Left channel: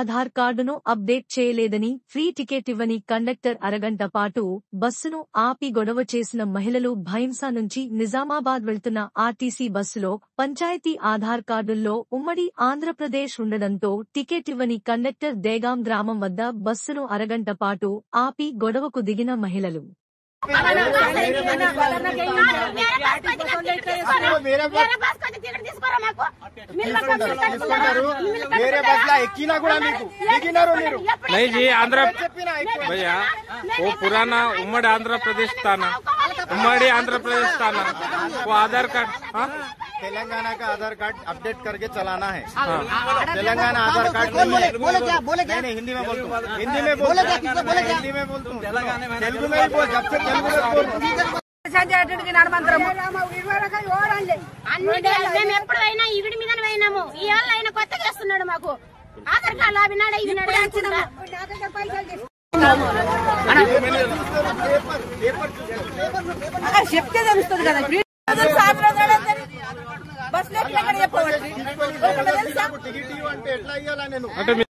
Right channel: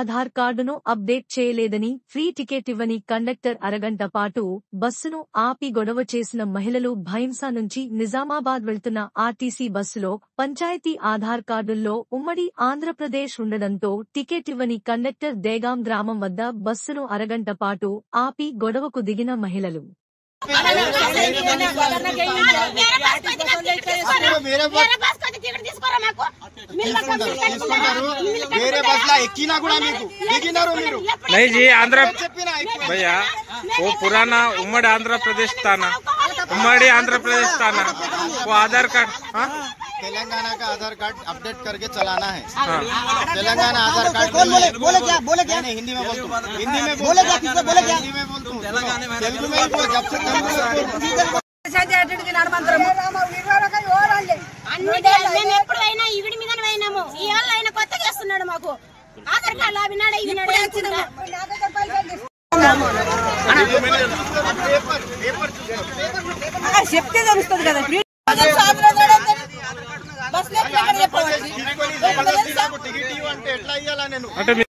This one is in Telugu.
ఆధార్ కార్డును అప్డేట్ చేయలేదని ఫ్రీ టికెట్ ఇవ్వని కండక్టర్ అరగంట పాటు బస్సును ఆపి గొడవ చేసిన మహిళలు భైంసా నుంచి నిజామాబాద్ వెళ్తున్న ఆర్టీసీ బస్సులో పంచాయతీ ఆధార్ కార్డుల్లో ఉమ్మడి ఆంధ్రప్రదేశ్ ఉండడంతో టికెట్ ఇవ్వని కండక్టర్ దేగాం గ్రామం వద్ద బస్సును అరగంట పాటు ఆపి గొడవకు దిగిన మహిళలు नहीं जी आंध्र भैया वो पुराना उम्मड़ी आंध्र प्रदेश था ना, उम्मड़ी आंध्र प्रदेश था ना, वो आधार कार्ड तेलंगाना का आधार कार्ड अपडेट करके चलाना है। तेलंगाना आधार कार्ड नहीं, हिंदी में बोलता हूँ, हिंदी में बोलता हूँ, तेलुगु में बोल, जब से तेलुगु में बोल మేము ఎప్పుడైనా ఈవిడి మీద పోయినాము. ఇవాళ ఆయన కొత్త చేస్తున్నాడు మాకు ఆధార్ కార్డు అవినాడు ఇవినాడు చెప్తే తెలుస్తుంది కదా బస్ టికెట్ అంటే ఎట్లా ఇవ్వాలా నేను?